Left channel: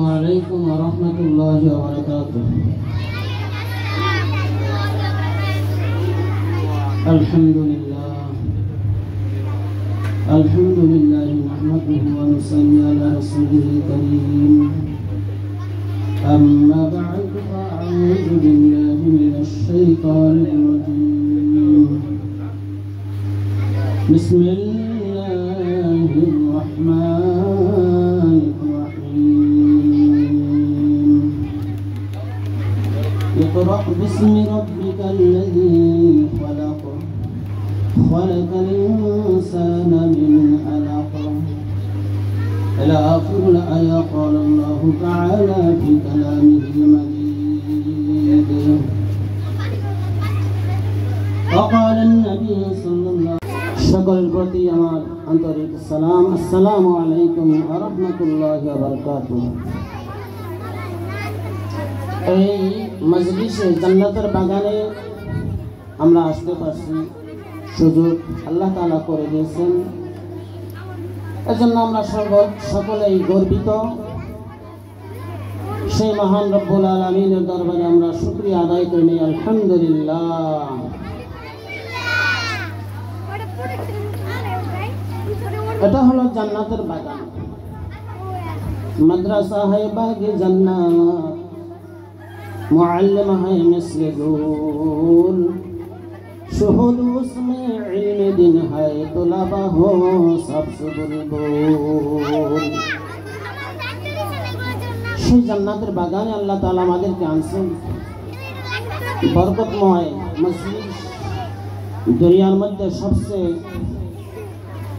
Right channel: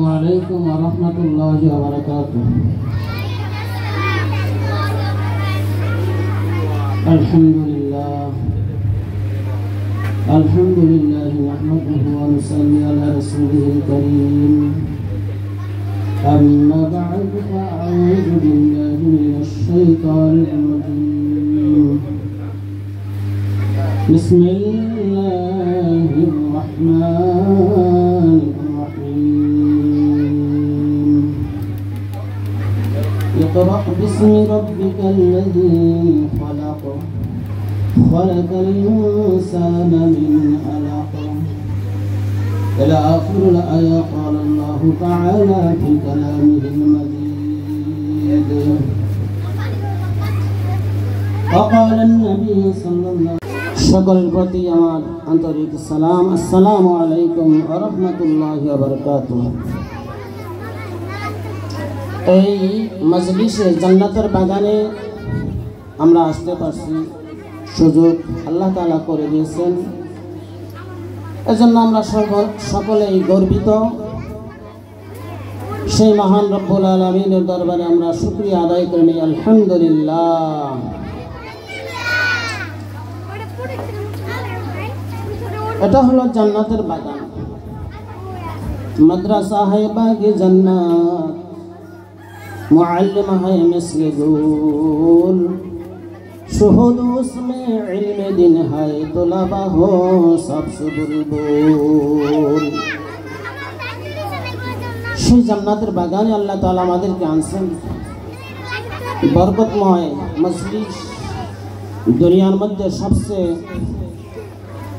السلام عليكم ورحمة الله وبركاته. الحمد لله نحمده ونصلي على رسوله الكريم. أما بعد فأعوذ بالله من الشيطان الرجيم. بسم الله الرحمن الرحيم. اقرأ باسم ربك الذي خلق الإنسان من علق إلى آخر الآية. قال الله تعالى في كلامه المجيد وقال النبي صلى الله عليه وسلم সকলের প্রতি আমার আন্তরিক সালাম। আসসালামু আলাইকুম ওয়া রাহমাতুল্লাহি ওয়া বারাকাতুহু। এই মজলিসে জান্নাতের বাগানে আমরা আসতে পারছি, সুযোগ আল্লাহ তাআলা করে দিয়েছেন। এজন্য আমরা সকলেই গর্বিত। সেই মহান রব্বুল আলামিনের দরবারে আমরা শুকরিয়া আদায় করি, আলহামদুলিল্লাহ। এটা হলো জান্নাতের বাগান। মাদ্রাসা है बाग़े जन्नत, मुअल्लिम है मिस्र गुल, शुहूद उसमें इल्म दिन है, तुलबा हो सबसे बुलबुल। সেই জান্নাতের বাগানে আল্লাহ তাআলা আমাদেরকে আনছেন। বরকতময় মজলিস, দুনিয়ার মধ্যে সবচেয়ে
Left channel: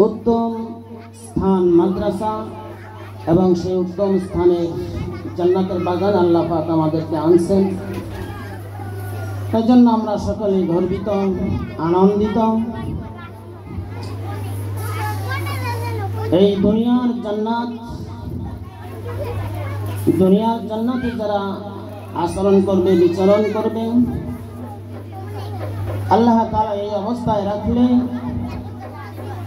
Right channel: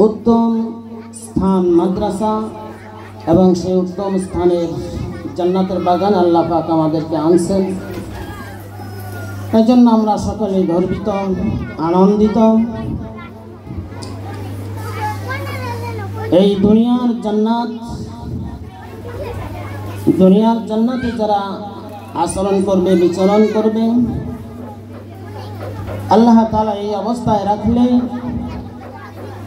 উত্তম স্থান মাদ্রাসা, এবং সেই উত্তম স্থানের জান্নাতের বাগান আল্লাহ পাক আমাদেরকে আনছেন। এই জন্য আমরা সকলেই গর্বিত, আনন্দিত। এই দুনিয়ার জান্নাতে যারা আচরণ করবে, বিচরণ করবে, আল্লাহ তাআলা এই অবস্থায় রাখলে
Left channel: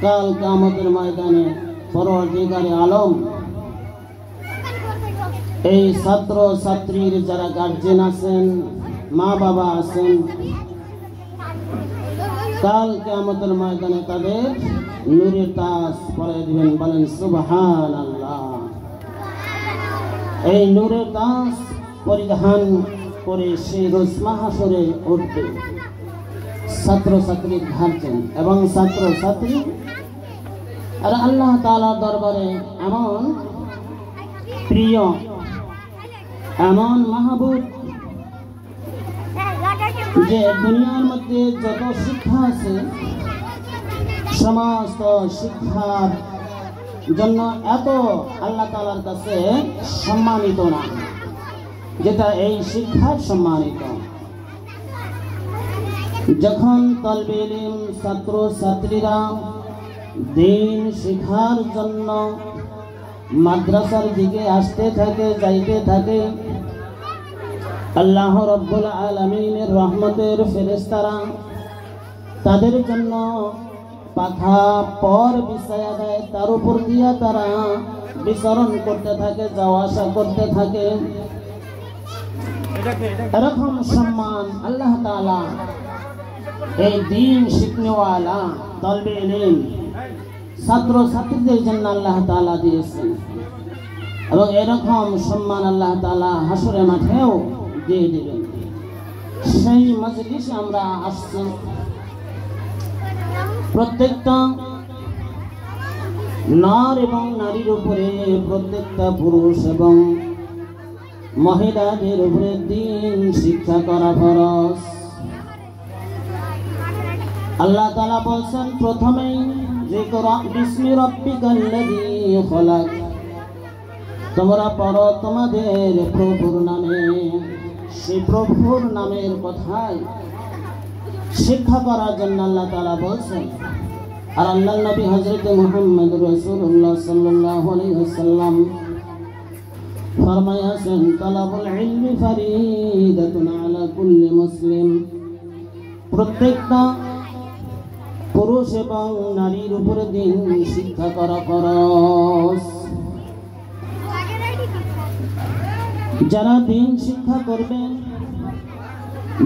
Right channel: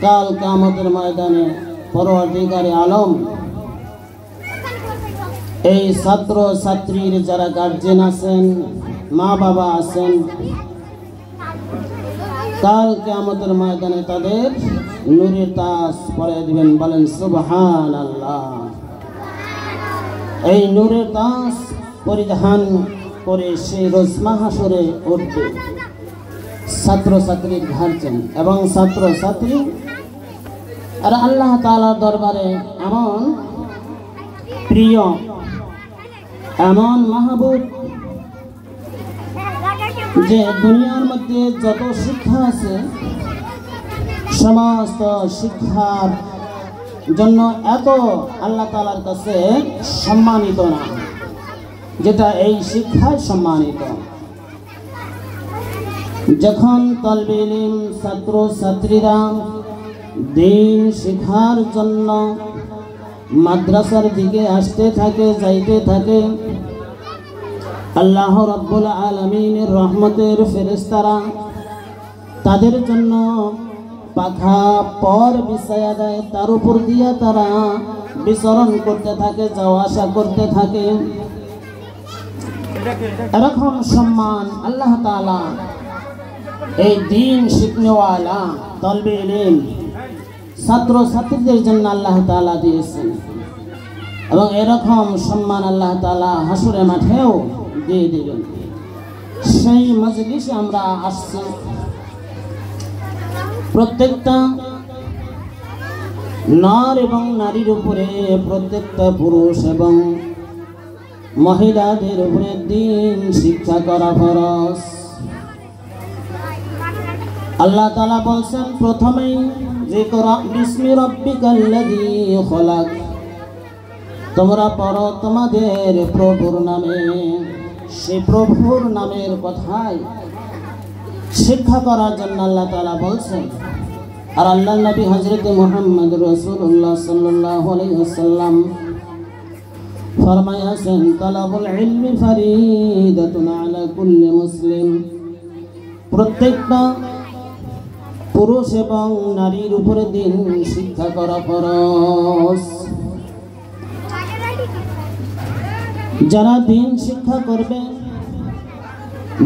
কাল কিয়ামতের ময়দানে পরওয়ারদিগারে আলম এই ছাত্র ছাত্রীর যারা গার্জিয়ান আছেন, মা বাবা আছেন, কাল কিয়ামতের ময়দানে তাদের নূরের তাজ পরিয়ে দিবেন। বলেন সুবহানাল্লাহ। এই নূরের তাজ পরিধান করে সেই রোজ মাহশরে উঠবে ছাত্র ছাত্রীর গার্জিয়ান এবং ছাত্র ছাত্রী। আর আল্লাহ তাআলার দরবারে এমন প্রিয়, এমন মাহবুব যে দুনিয়ার মধ্যে যত শিক্ষা আছে সমস্ত শিক্ষার জন্য এত আল্লাহ তাআলার কাছে সম্মানিত না, যেটা এই শিক্ষায় সম্মানিত। যখন তালবে ইলম ছাত্র ছাত্রীরা দিন শিক্ষার জন্য মাদ্রাসার দিকে আসতে থাকে, যাইতে থাকে, আল্লাহ রাব্বুল আলামিনের রহমতের ফেরেশতারা তাদের জন্য পাখা পর বিছায়া দেয়, তার উপর দিয়ে তারা বিচরণ করতে থাকে, যাওয়া আসা করতে থাকে। এরকম সম্মান আল্লাহ তাআলা এই দিন শিখনেওয়ালা তালবে ইলম ছাত্র ছাত্রীদের জন্য আল্লাহ তাআলা দিয়েছেন, এবং এরকম সম্মান আল্লাহ তাআলা হাসরে মাঠেও দিয়ে দিবেন। সেই মজলিসে আমরা আসছি। প্রত্যেকটা নর এবং নারীর উপরে, প্রত্যেকটা পুরুষ এবং মহিলাদের উপরে দিন শিক্ষা করা ফরজ। আল্লাহ তাআলা বলছেন প্রথমেই যে ইকরা বিসমি রাব্বিকাল্লাযী খলাক, তোমরা পড়ো তোমাদের প্রভুর নামে। সেই প্রভুর নামের কথাই শিক্ষা করার জন্য আল্লাহ তাআলা বলছেন। আর আল্লাহর নবী হযরত মুহাম্মদ রাসূলুল্লাহ সাল্লাল্লাহু আলাইহি ওয়াসাল্লাম ফরমায়াছেন, তালাবুল ইলমি ফরিদাতুন আলা কুল্লি মুসলিম। প্রত্যেকটা পুরুষ এবং নারীর উপরে দিন শিক্ষা করা ফরজ। যারা দিন শিক্ষা করবে,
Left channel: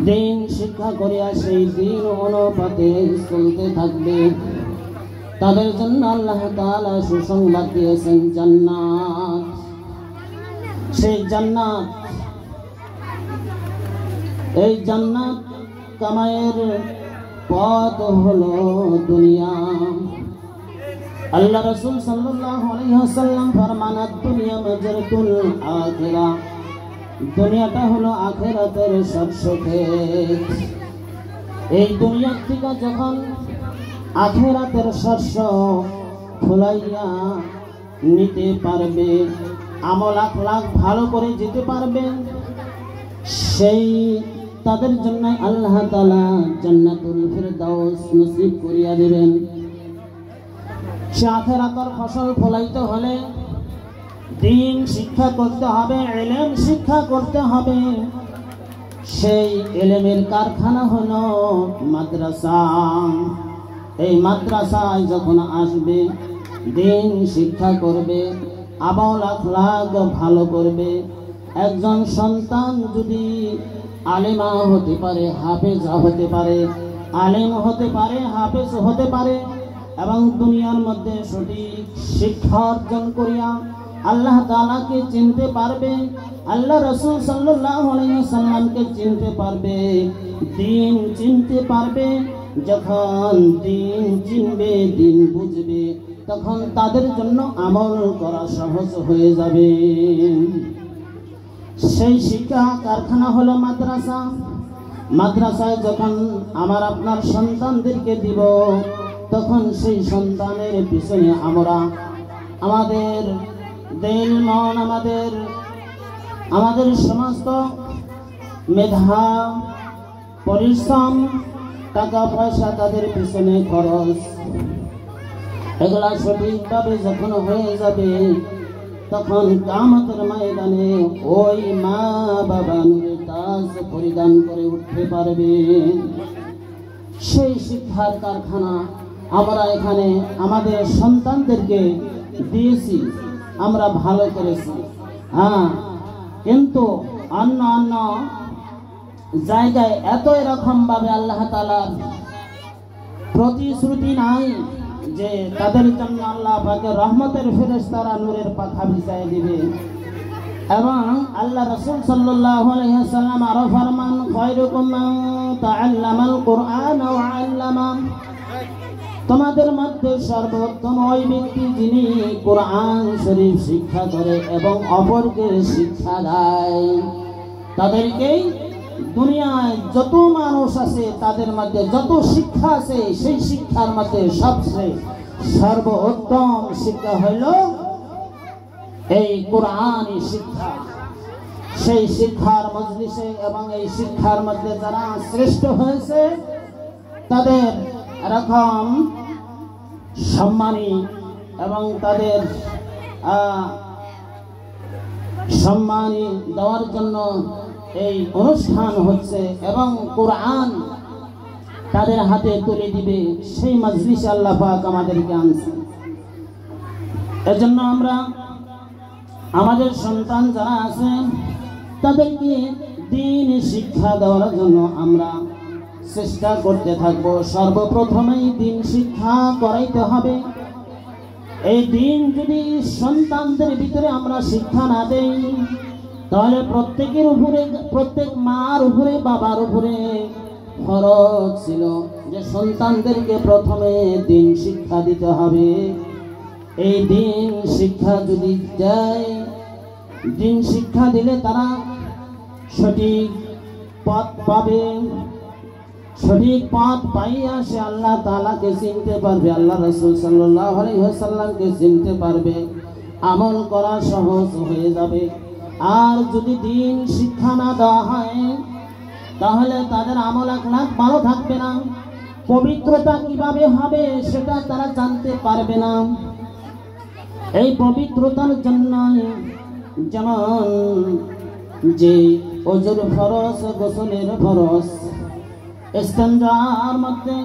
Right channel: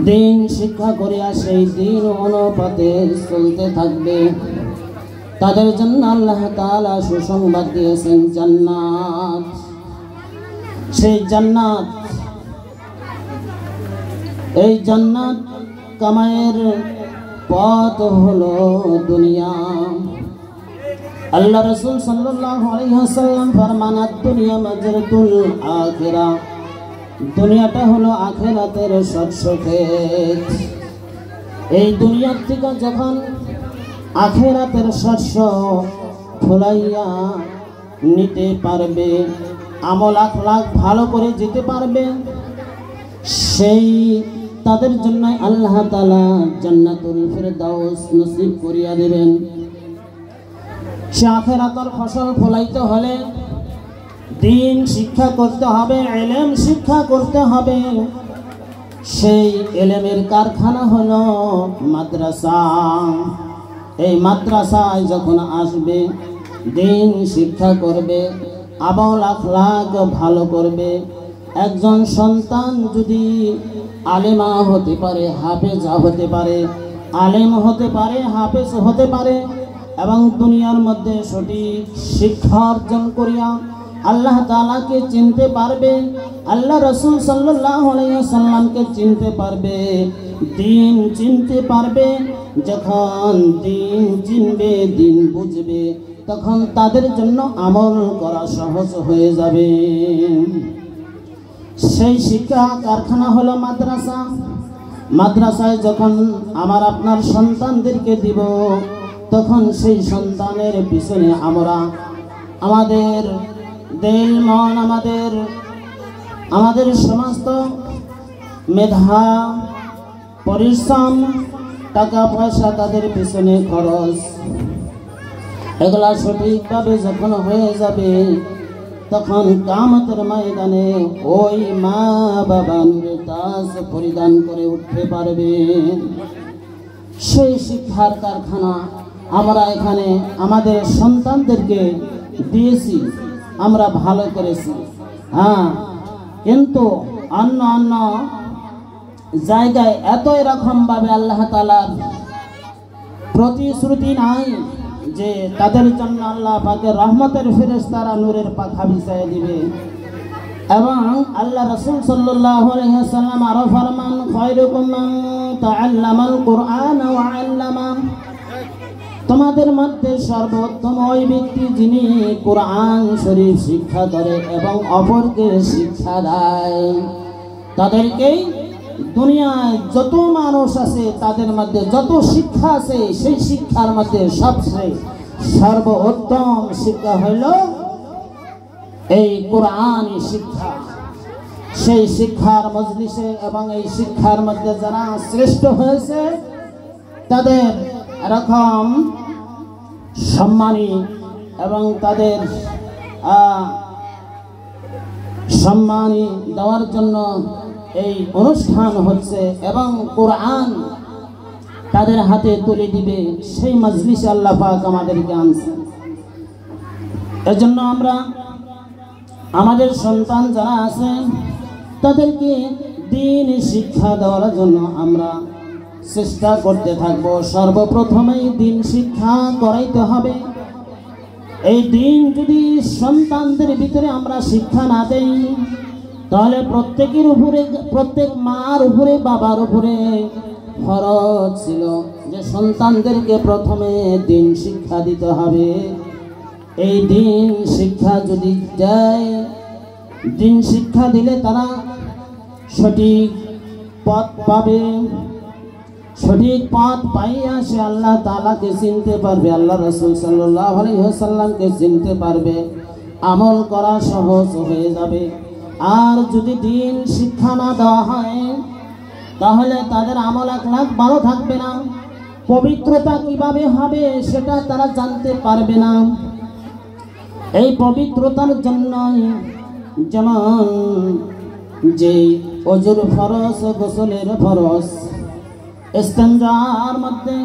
দিন শিক্ষা করিয়া সেই দিন অনুপাতে চলতে থাকবে, তাদের জন্য আল্লাহ তাআলা সুসংবাদ দিয়েছেন জান্নাত। সেই জান্নাত, এই জান্নাত কামায়ের পথ হলো দুনিয়া। আল্লাহ রাসূল সাল্লাল্লাহু আলাইহি ওয়াসাল্লাম ফরমান, দুনিয়া মাজরাতুল আখিরাহ, দুনিয়াটা হলো আখিরাতের শস্যক্ষেত। এই দুনিয়ার থেকে যখন আখিরাতের শস্য ফলাইয়া নিতে পারবে, আমল আখলাক ভালো করে যেতে পারবে, সেই তাদের জন্য আল্লাহ তাআলা জান্নাতুল ফেরদাউস নসিব করিয়া দিবেন। সে আখিরাতের ফসল ফলাইতে হলে দিন শিক্ষা করতে হবে, ইলম শিক্ষা করতে হবে। সেই ইলমের কারখানা হলো মাদ্রাসা। এই মাদ্রাসায় যখন আসবে, দিন শিক্ষা করবে, আমল আখলাক ভালো করবে, একজন সন্তান যদি আলেমা হতে পারে, হাফেজা হতে পারে, আলেম হতে পারে, হাফেজ হতে পারে, এবং দুনিয়ার মধ্যে সঠিক শিক্ষা অর্জন করিয়া আল্লাহ তাআলাকে চিনতে পারবে, আল্লাহ রাসূল সাল্লাল্লাহু আলাইহি ওয়াসাল্লামকে চিনতে পারবে, দিন চিনতে পারবে। যখন দিন চিনবে, দিন বুঝবে, তখন তাদের জন্য আমল করা সহজ হয়ে যাবে। সেই শিক্ষা কারখানা হলো মাদ্রাসা। মাদ্রাসায় যখন আমার আপনার সন্তানদেরকে দিব, তখন সেই সন্তানের পিছনে আমরা আমাদের দিল মন, আমাদের সমস্ত মেধা, পরিশ্রম, টাকা পয়সা তাদের পিছনে খরচ, এগুলা সঠিকভাবে যখন হয়ে যাবে, তখন কিয়ামতের ময়দানে ওই মা বাবা নূরের তাজ পরিধান করে উঠতে পারবে। সেই শিক্ষার কারখানা আমরা এখানে আমাদের সন্তানদেরকে দিয়েছি, আমরা ভালো করেছি। কিন্তু অন্য অন্য জায়গায় এত এরকম ভাবে আল্লাহ তাআলার প্রতিশ্রুতি নাই যে তাদের জন্য আল্লাহ পাকের রহমতের ফেরেশতারা নূরের পাখা বিছায় দিবে। এবং আল্লাহ রাসূল সাল্লাল্লাহু আলাইহি ওয়াসাল্লাম আরো ফরমান, খায়রুকুম মান তাআল্লামাল কুরআন ওয়া আল্লামা, তোমাদের মধ্যে সর্বোত্তম ওই ব্যক্তি যিনি কুরআন শরীফ শিক্ষা করে এবং অপরকে শিক্ষা দেয়। তাদেরকেই দুনিয়ায় যত মানুষ আছে তাদের মধ্যে যত শিক্ষা আছে, সেই শিক্ষার মধ্যে সবচেয়ে সর্বোত্তম শিক্ষা হইল এই কোরআনী শিক্ষা। সেই শিক্ষার মজলিসে এবং এই শিক্ষার মধ্যে যারা শ্রেষ্ঠ হয়েছে, তাদের এরকম সম্মানী এবং তাদের সম্মানী দেওয়ার জন্য এই অনুষ্ঠান হচ্ছে, এবং কোরআন তাদের হাতে তুলে দিবে, সেই মজলিসে আল্লাহ পাক আমাদেরকে আনছে। এজন্য আমরা আমাদের সন্তান যারা আছে তাদেরকে দিন শিক্ষা দেওয়ার জন্য আমরা চেষ্টা করতে থাকব। সর্বপ্রথমেই দিন শিক্ষা করাইতে হবে। এই দিন যদি সন্তানদের ভিতরে আমরা শিক্ষা না দেই, তাহলে প্রত্যেকের উপরে, প্রত্যেক মার উপরে, বাবার উপরে ফরজ ছিল যে সন্তানদেরকে প্রথমে দিন শিক্ষা দিতে হবে। এই দিন শিক্ষা যদি দেয়, দিন শিক্ষা দিলে তারা সঠিক পথ পাবে। সঠিক পথ পাইয়া সে আল্লাহ তাআলাকে চিনতে পারবে, আল্লাহ রাসূল সাল্লাল্লাহু আলাইহি ওয়াসাল্লামকে চিনতে পারবে, আমল করা সহজ হয়ে যাবে। আর যদি দিন শিক্ষা না দেওয়া হয়, তাহলে তাদের আমল আখলাক ভালো থাকবে না, পবিত্রতা কিভাবে হবে সেটা তারা জানতে পারবে না। এই পবিত্রতার জন্য যেমন যে ওযুর ফরজ, গোসলের ফরজ, ইস্তেঞ্জার মধ্যে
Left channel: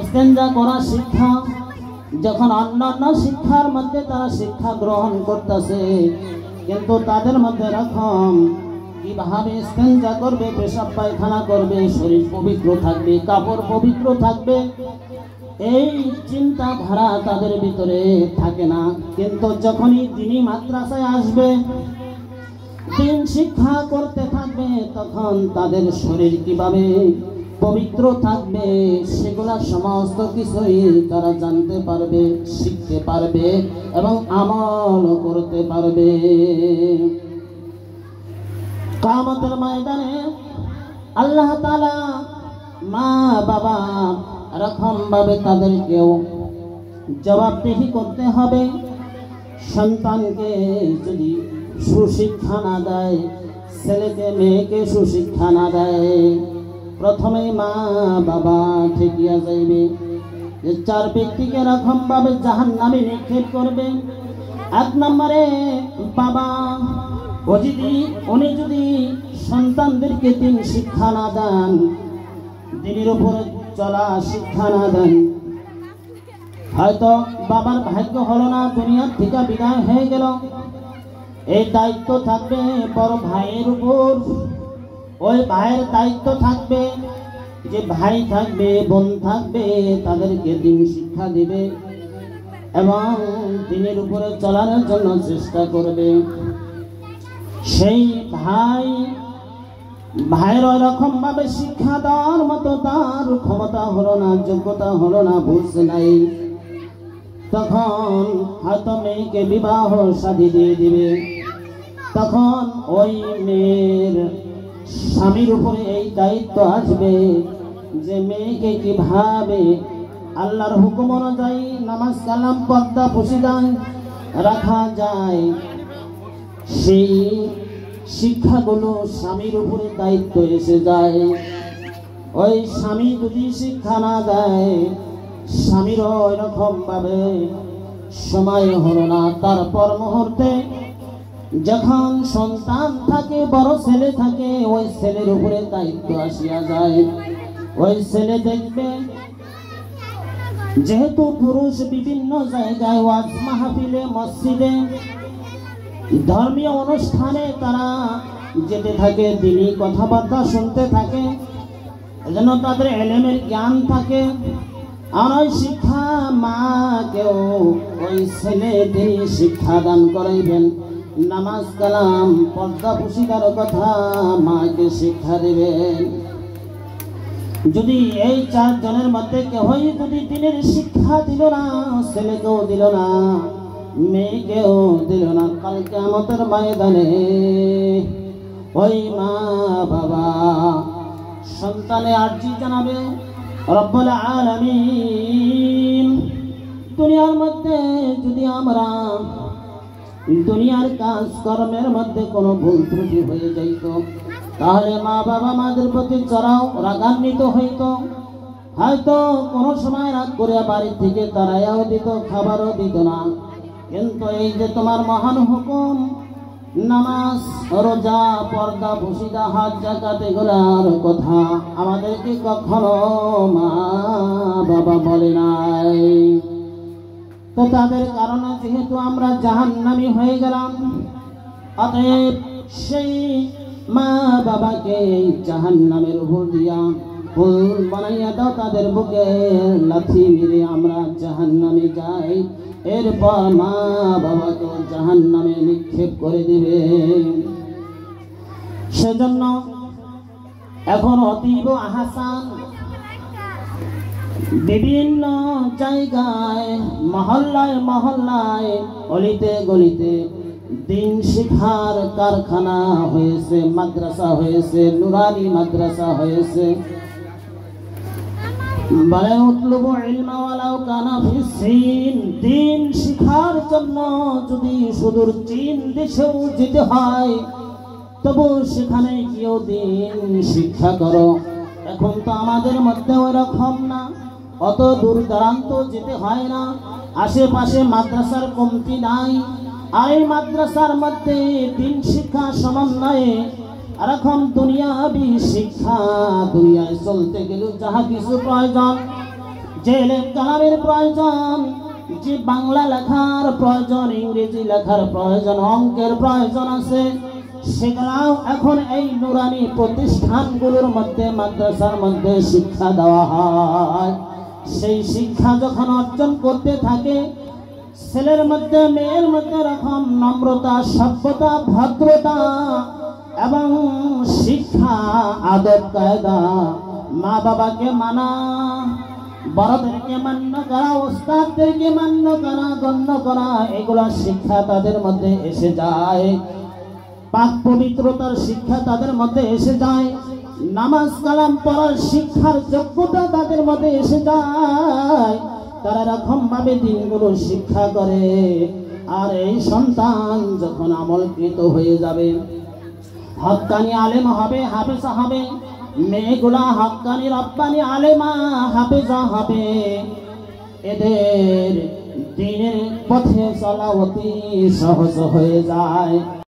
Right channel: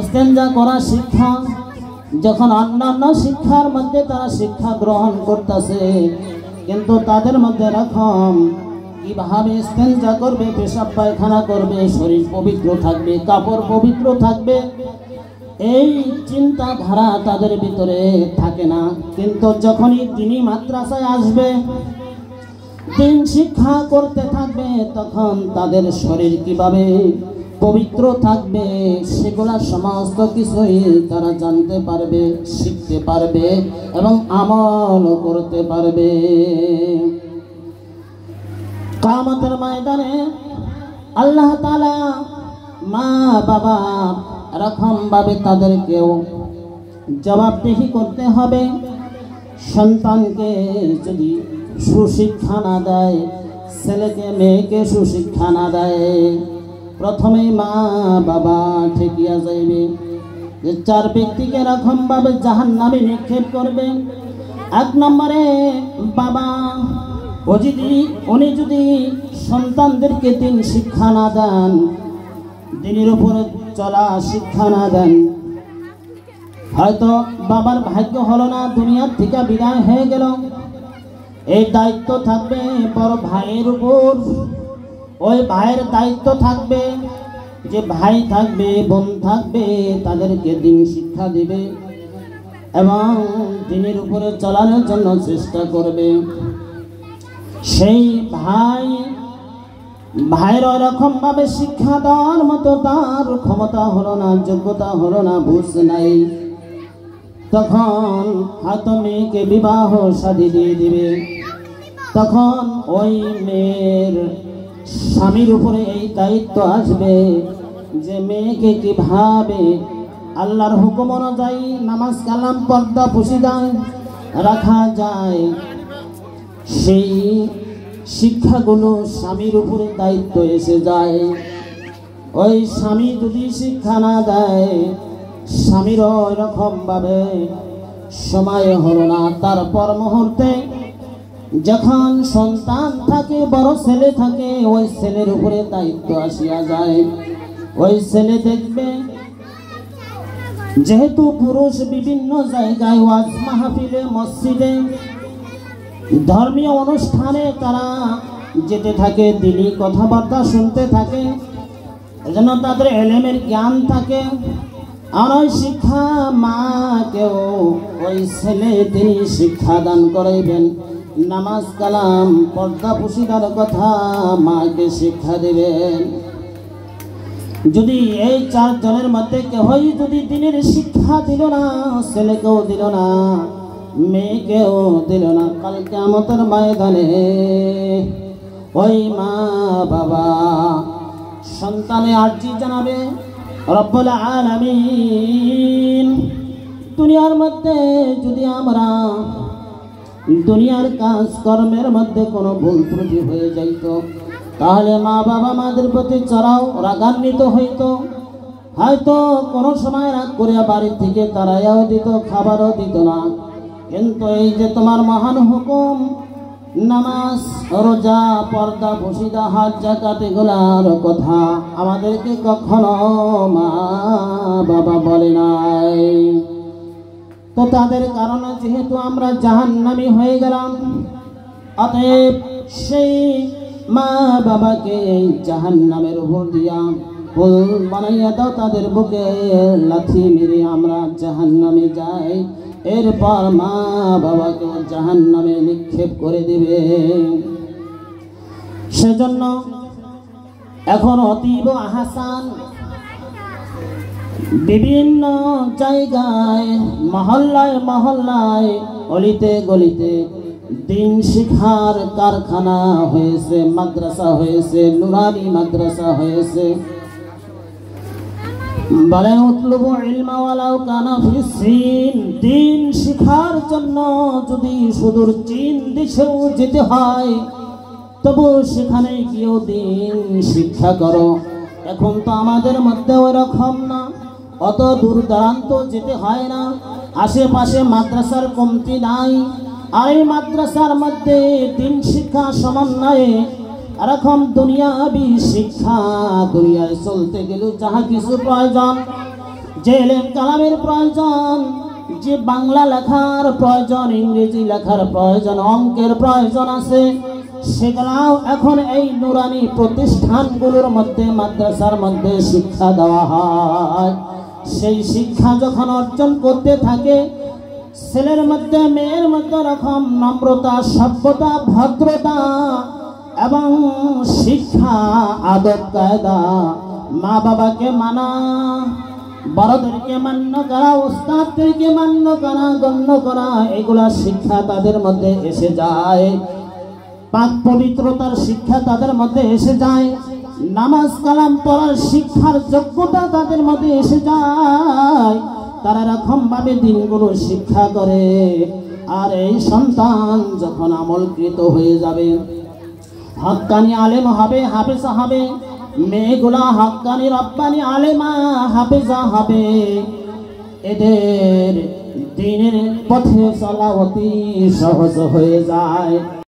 ইস্তেঞ্জা করা শিক্ষা, যখন অন্যান্য শিক্ষার মধ্যে তারা শিক্ষা গ্রহণ করতেছে, কিন্তু তাদের মধ্যে এরকম কিভাবে ইস্তেঞ্জা করবে, পেশাব পায়খানা করবে, শরীর পবিত্র থাকবে, কাপড় পবিত্র থাকবে, এই চিন্তাধারা তাদের ভিতরে থাকে না। কিন্তু যখনই তিনি মাদ্রাসায় আসবে, দিন শিক্ষা করতে থাকবে, তখন তাদের শরীর কিভাবে পবিত্র থাকবে সেগুলা সমস্ত কিছুই তারা জানতে পারবে, শিখতে পারবে এবং আমল করতে পারবে। কিয়ামতের ময়দানে আল্লাহ তাআলা মা বাবা এরকম ভাবে তাদেরকেও জবাবদিহি করতে হবে। সন্তানকে যদি সুশিক্ষা না দেয়, ছেলেকে মেয়েকে সুশিক্ষা না দেয়, প্রথমে মা বাবা ঠেকিয়া যাইবে। যে চার ব্যক্তিকে এরকম ভাবে জাহান্নামে নিক্ষেপ করবে। এক নম্বরে বাবা, উনি যদি সন্তানদেরকে দিন শিক্ষা না দেন, দিনের উপরে চলা শিক্ষা না দেন, হয়তো বাবার ভাগ্য হলো না, দুনিয়ার থেকে বিদায় হয়ে গেল, এই দায়িত্ব থাকবে বড় ভাইয়ের উপর। ওই ভাইয়ের দায়িত্ব থাকবে যে ভাই থাকবে, বোন থাকবে, তাদেরকে দিন শিক্ষা দিবে এবং দিনের উপরে চলার জন্য চেষ্টা করবে। সেই ভাইয়ের ওরকম ভাবে শিক্ষা দেওয়ার মতো তার ক্ষমতা হলো না, যোগ্যতা হলো না, বুঝ নাই, তখন হয়তো মেয়েকে বিবাহ শাদী দিয়ে দিবে। তখন ওই মেয়ের স্বামীর উপরে এই দায়িত্ব আসবে যে মেয়েকে কিভাবে আল্লাহর হুকুম অনুযায়ী নামাজ কালাম পর্দা পুশিদা রাখা যায়, সেই শিক্ষাগুলো স্বামীর উপরে দায়িত্ব এসে যায়। ওই স্বামী যদি শিক্ষা না দেয়, স্বামীরও এরকম ভাবে সময় হলো না, তারপর মুহূর্তে যখন সন্তান থাকে, বড় ছেলে থাকে, ওই ছেলের উপরে দায়িত্ব আসিয়া যায়। ওই ছেলে দেখবে যেহেতু পুরুষ বিভিন্ন জায়গায় ওয়াজ মাহফিলে, মসজিদে, ধর্মীয় অনুষ্ঠানে তারা যেতে থাকে, দিনী কথাবার্তা শুনতে থাকে, এজন্য তাদের এলেমের জ্ঞান থাকে। আর ওই শিক্ষা মাকেও ওই ছেলে তিনি শিক্ষা দান করাইবেন, নামাজ কালাম পর্দা পুশিদার কথা মাকে শিক্ষা দেবেন। যদি এই চারজনের মধ্যে কেউই যদি দিনের শিক্ষা দিল না, ছেলেকেও দিল না, মেয়েকেও দিল না, কাল কিয়ামতের ময়দানে ওই মা বাবা সন্তানে আরজি জানাবে, রব্বুল আলামিন, দুনিয়ার মধ্যে যদি আমরা দুনিয়ার কাজ কর্মের মধ্যে কোনো ভুল ত্রুটি হয়ে যাইত, তাহলে মা বাবা আমাদের প্রতি চড়াও রাগান্বিত হইত, হয়তো কোনো সময় রাগ করে বাড়ি থেকে তারাইয়াও দিত, খাবারও দিত না। কিন্তু এই যে তোমার মহান হুকুম, নামাজ, রোজা, পর্দা পুশিদা, হজ, যাকাত, এগুলার কথা আমাদেরকে কখনো মা বাবা বলে নাই। তো তাদের কারণে যেহেতু আমরা জাহান্নামী হয়ে গেলাম, অতএব সেই মা বাবাকে জাহান্নামের উপর দিয়া পুল বানাইয়া দাও, তাদের বুকে লাথি মেরে আমরা জাহান্নামে যাই, এরপর মা বাবাকে জাহান্নামে নিক্ষেপ করে দিবে। সেজন্য এখন অতীব আহসান বিভিন্ন জায়গায়, মহল্লায় মহল্লায়, অলিতে গলিতে দিন শিক্ষার কারখানা হয়েছে, মাদ্রাসা হয়েছে, নুরানি মাদ্রাসা হয়েছে। বলে উতলুবু ইলমা ওয়ালাউ কানা ফিস চীন, দিন শিক্ষার জন্য যদি সুদূর চীন দেশেও যেতে হয়, তবু সেখানে গিয়েও দিন শিক্ষা করো। এখন তো আমাদের মধ্যে ওরকম না, অত দূর দূরান্ত যেতে হয় না, আশেপাশে মাদ্রাসার কমতি নাই। আর এই মাদ্রাসার মধ্যে দিন শিক্ষা সমন্বয়ে এরকম দুনিয়াবি শিক্ষা, দুনিয়ায় চলতে গেলে যাহা কিছু প্রয়োজন, যে কালামের প্রয়োজন, যে বাংলা লেখার প্রয়োজন, ইংরেজি লেখার প্রয়োজন, অঙ্কের প্রয়োজন আছে, সেগুলাও এখন এই নুরানি প্রতিষ্ঠানগুলোর মধ্যে, মাদ্রাসার মধ্যে শিক্ষা দেওয়া হয়। সেই শিক্ষা যখন অর্জন করতে থাকে, ছেলের মধ্যে মেয়ের মধ্যে রকম নম্রতা, সভ্যতা, ভদ্রতা এবং শিক্ষা, আদব কায়দা, মা বাবাকে মানা, বড়দেরকে মান্য করা, ওস্তাদদেরকে মান্য করা, গণ্য করা, এগুলা শিক্ষা তাদের মধ্যে এসে যায়। পাক পবিত্রতার শিক্ষা তাদের মধ্যে এসে যায়। নামাজ কালাম পড়ার শিক্ষার যোগ্যতা তাদের মধ্যে এসে যায়। তারা এরকম ভাবে দিনগুলো শিক্ষা করে। আর এই সন্তান যখন আমলকৃত হয়ে যাবে, হক্কানি আলেম হবে, হাফেজা হবে, মেয়েগুলা হক্কানি রব্বানি আলেমা হাফেজা হবে, এদের দিনের পথে চলা অতি সহজ হয়ে যায়।